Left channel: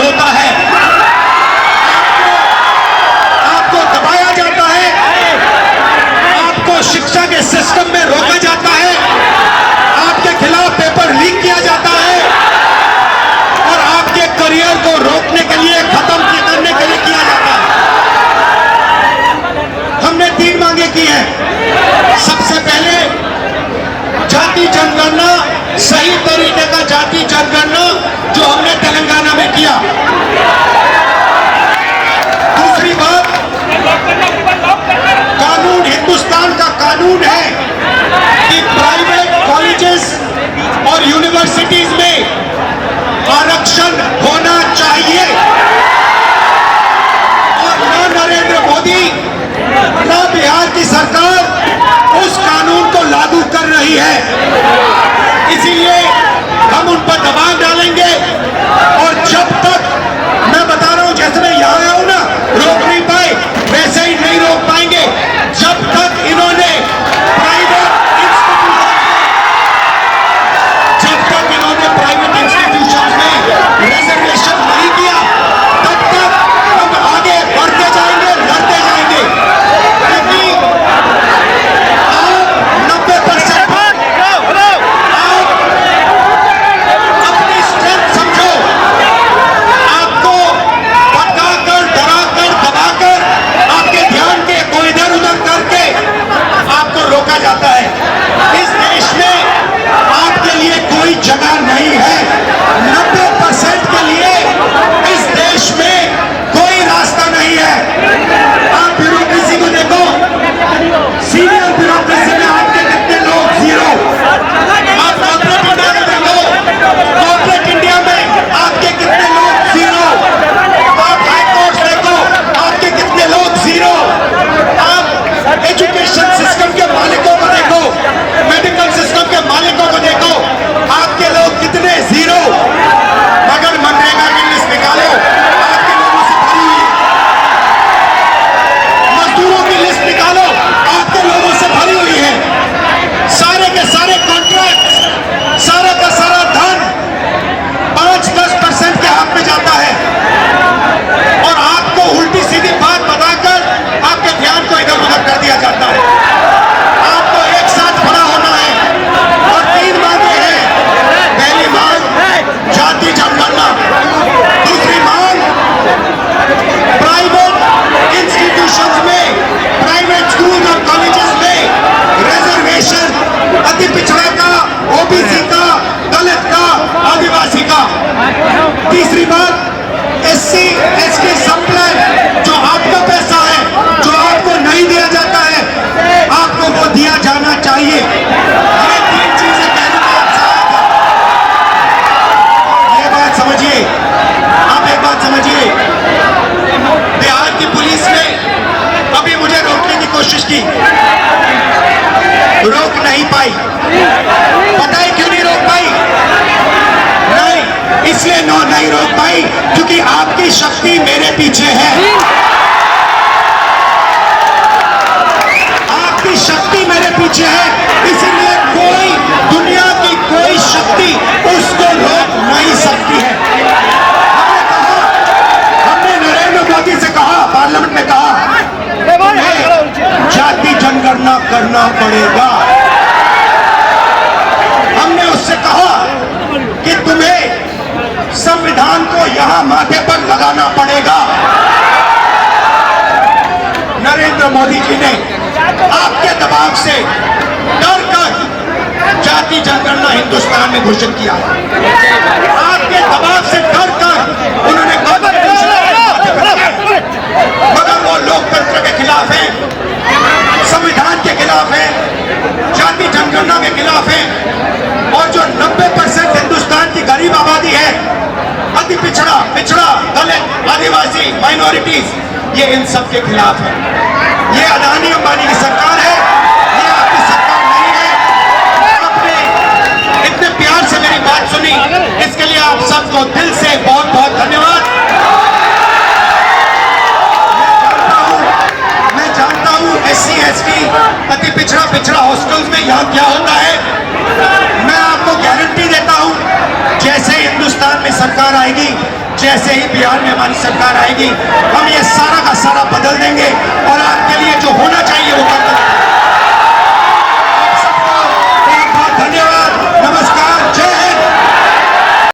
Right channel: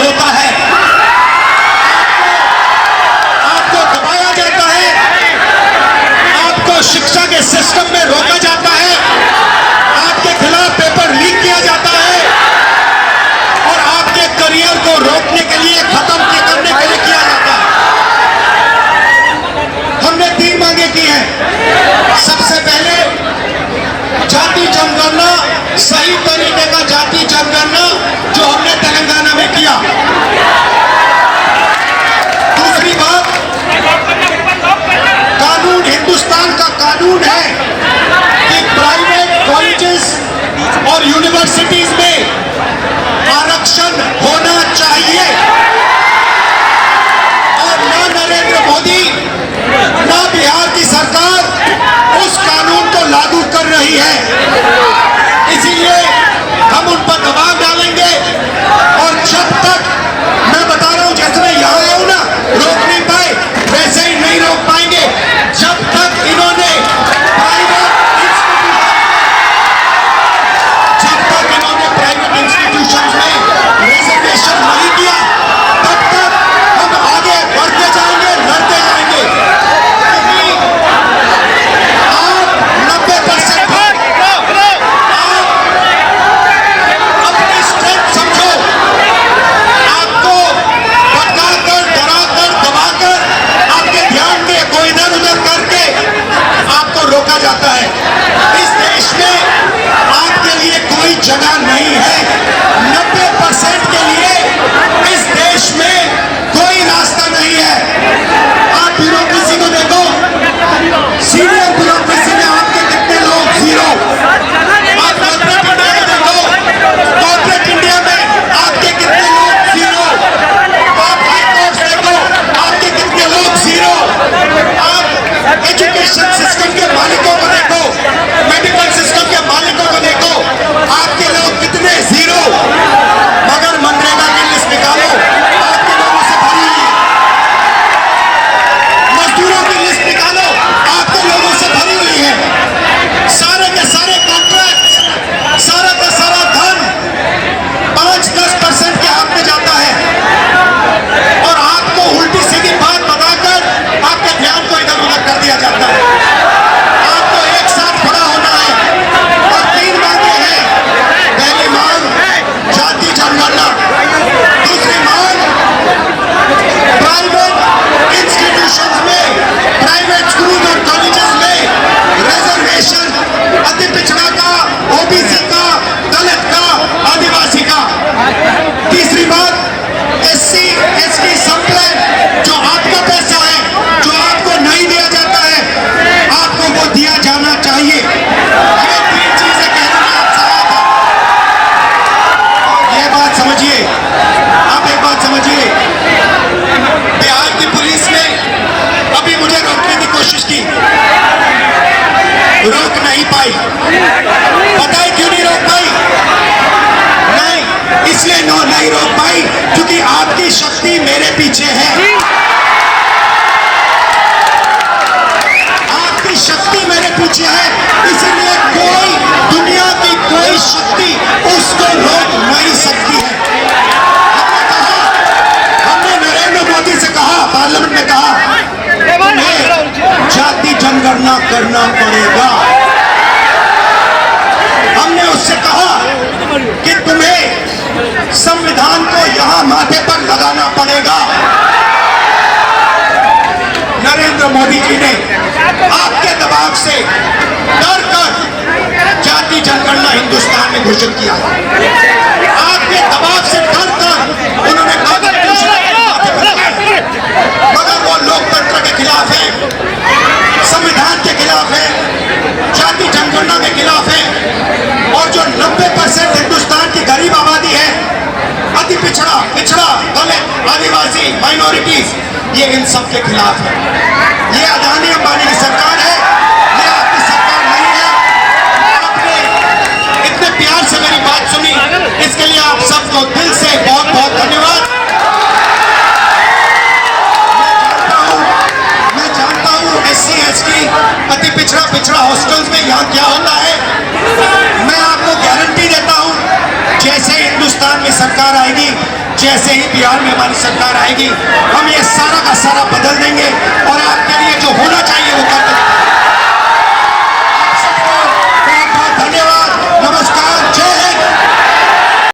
इस्तेमाल होता है, आपको दबाया जाता है, आपको शिक्षा के सिस्टम में रोका जाता है, आपके खिलाफ पेपर लीक किया जाता है और आपके करियर को रोकने के लिए, खत्म करने के लिए किया जाता है। हमने 3 मांगे की हैं। सबसे पहले जाति जनगणना, सही तरीके का जाति जनगणना जो हमने तेलंगाना में किया। दूसरी बात, कानून, हिंदुस्तान का कानून है कि प्राइवेट कॉलेजेस और यूनिवर्सिटीज में आरक्षण होना चाहिए और ना नरेंद्र मोदी ना बिहार की सरकार उस कानून को लागू कर रही है। इसीलिए हम उन पर दबाव डालेंगे और जब तक, मैं बता रहा हूं, जैसे मैं यहां आया हूं ना, रोक नहीं पाए, वैसे ही नहीं रोक पाएंगे जब तक इन्होंने प्राइवेट इंस्टीट्यूशंस में रिजर्वेशन नहीं किया, तब तक हम आगे बढ़ते जाएंगे, लड़ते जाएंगे। क्योंकि आप 90% आप अपनी स्ट्रेंथ समझो, आपको भटकाकर, डराकर, दबाकर, आपके ध्यान को इधर उधर करके आपको रोका जाता है। इस देश में आपके लिए कोई जगह नहीं है। 90% के लिए इस देश में कोई रास्ता नहीं है। आप ब्यूरोक्रेसी को देखो, सीनियर ब्यूरोक्रेसी में आपके कितने लोग, 0। आप कॉर्पोरेट इंडिया को देखो, कॉर्पोरेट इंडिया में आपके कितने लोग, 0। आप हाई कोर्ट देखो, आपके कितने लोग, 0। आप एजुकेशन सिस्टम के मालिकों को देखो, मेडिकल सिस्टम के मालिकों को देखो, आपके लोग कितने, 0। मगर मनरेगा की लिस्ट निकालो, आपके लोगों से भरी हुई है। मजदूरों की लिस्ट निकालो, आपके लोगों से भरी हुई है। सारे के सारे कॉन्ट्रैक्ट, सारा का सारा धन 5-10% के हाथ में जाता है और आपको उल्टी सीधी बात बताकर आपके ध्यान को इधर उधर कर दिया जाता है। आपको एक साथ खड़ा होना है और 3 मांगे हैं। पहली मांग जाति जनगणना, दूसरी मांग प्राइवेट इंस्टीट्यूशंस में, प्राइवेट स्कूल और कॉलेजेस में रिजर्वेशन, अति पिछड़ा का, ओबीसी का, दलित का, आदिवासी का। तीसरी बात, SC ST सब प्लान, जो आपका पैसा है, जो आपको नहीं दिया जाता है, आपको वो दिया जाना चाहिए। ये 3 चीजें कहने में आपसे आया था। और ये बात समझिए, आप एक बात समझिए, बिहार की पुलिस ने अभी मुझे रोकने की कोशिश की, रोक नहीं पाई। पता है क्यों नहीं रोक पाई? नहीं, इसलिए नहीं रोक पाई क्योंकि आपकी शक्ति मेरे पीछे है। आपकी शक्ति मेरे पीछे है, इसीलिए कोई, दुनिया की कोई शक्ति उसको रोक नहीं सकती है। हमने कहा, हमने नरेंद्र मोदी से कहा, पार्लियामेंट में कहा, तुम्हें जाति जनगणना करना पड़ेगा। हमने उससे कहा कि तुम्हें संविधान को यहां माथे पर लगाना पड़ेगा। नरेंद्र मोदी जी ने आपके दबाव से डर कर जाति जनगणना हिंदुस्तान में घोषित किया। आपके दबाव से डर कर उन्होंने कॉन्स्टिट्यूशन माथे पर लगाया, मगर वो लोकतंत्र के खिलाफ है, संविधान के खिलाफ है, जाति जनगणना के खिलाफ है। और जो 90% हिंदुस्तान की गरीब आबादी है, अति पिछड़ा, दलित, आदिवासी, माइनॉरिटीज, ये इन सब के खिलाफ है। ये अदानी अंबानी की सरकार है, ये आपकी सरकार नहीं है। आपने इतने प्यार से मेरी बात सुनी, इसके लिए आप सबको दिल से बहुत बहुत धन्यवाद। मैं जानता हूँ SC ST अति पिछड़ा हॉस्टल्स में यहाँ क्या होता है। मैं आपको गारंटी देता हूँ, जैसे हिंदुस्तान में सरकार आएगी, जैसे ही बिहार में हमारी सरकार आएगी हम ये सारा का सारा बदल देंगे और आपके लिए जो होना चाहिए वो